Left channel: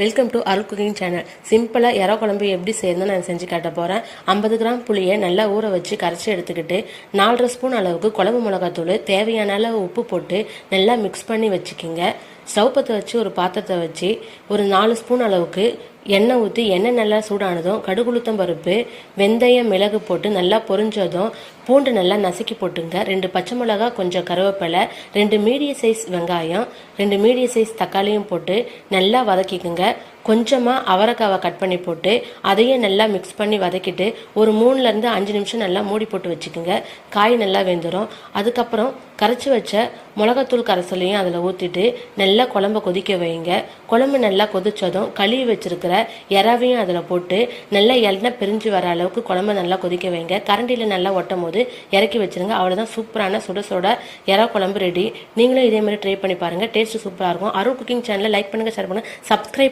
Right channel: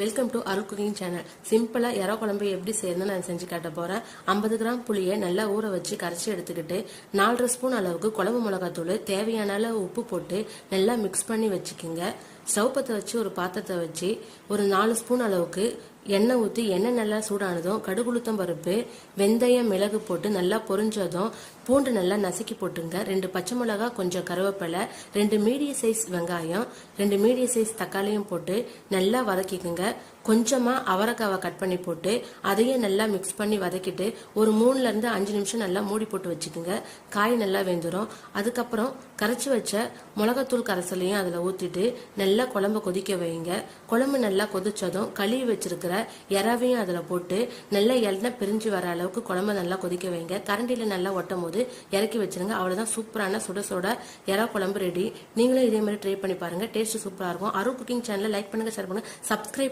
Welcome to Arul cooking channel. சிம்பிளாக இறா குழம்பு எப்படி செய்யணும்னு நான் செஞ்சு காட்ட போகிறேன். 50 கிராம் புளியை நல்லா ஊற வச்சு கரைச்சி எடுத்துக்கிட்டு 4 ஸ்பூன் அளவுக்கு குழம்பு மிளகாத்தூள், தேவையான அளவு உப்பு போட்டு நல்லா மிக்ஸ் பண்ணி வச்சுக்கிங்க. ஸ்டவ் பற்ற வச்சு ஒரு பாத்திரத்தை வச்சு ஒரு 4 ஸ்பூன் அளவுக்கு எண்ணெய் ஊற்றி எண்ணெய் நல்லா சூடானதும் கடுகுளுத்தம் பருப்பு, வெந்தயம், மிளகு போட்டு நல்லா பொரிஞ்சதும் பூண்டு நல்லா நசுக்கி போட்டுங்க. 2 பச்சை மிளகா, கொஞ்சம் கருவேப்பிலை, 2 மீடியம் சைஸ் வெங்காயம், 2 மீடியம் சைஸ் தக்காளியும் போட்டு நல்லா வதக்கிக்குங்க. கொஞ்சமாக அவரைக்காவை கட் பண்ணி போட்டு அதையும் நல்லா மிக்ஸ் பண்ணி வதக்கிட்டு ஒரு 3லேருந்து 5 நிமிஷம் நல்லா மூடி போட்டு வச்சுக்கோங்க. காய் நல்லா வெந்துடும். அதுக்கப்புறம் கரைச்சி வச்ச மிளகாத்தூள் கரைசலையும் அதில் ஊற்றிட்டு நல்லா குழம்ப கொதிக்க வைங்க. குழம்பு நல்லா கொதிச்சதும் கழுவி வச்சிருக்கிற இறாவையும் அதில் போட்டு நல்லா எண்ணெய் பிரிஞ்சு வர அளவுக்கு குழம்பு நல்லா கொதிக்க வைங்க. கரண்டியில் நல்லா ஒட்டும் போது இறக்கி வச்சிருங்க. அவ்வளோதான், சூப்பரான சுட சுட இறா குழம்பு ரெடி. நீங்களும் இதே மாதிரி ட்ரை பண்ணி பாருங்கள். டேஸ்ட் சூப்பராக இருக்கும். அருள் குக்கிங் சேனலை லைக் பண்ணுங்கள், ஷேர் பண்ணுங்கள், சப்ஸ்கிரைப்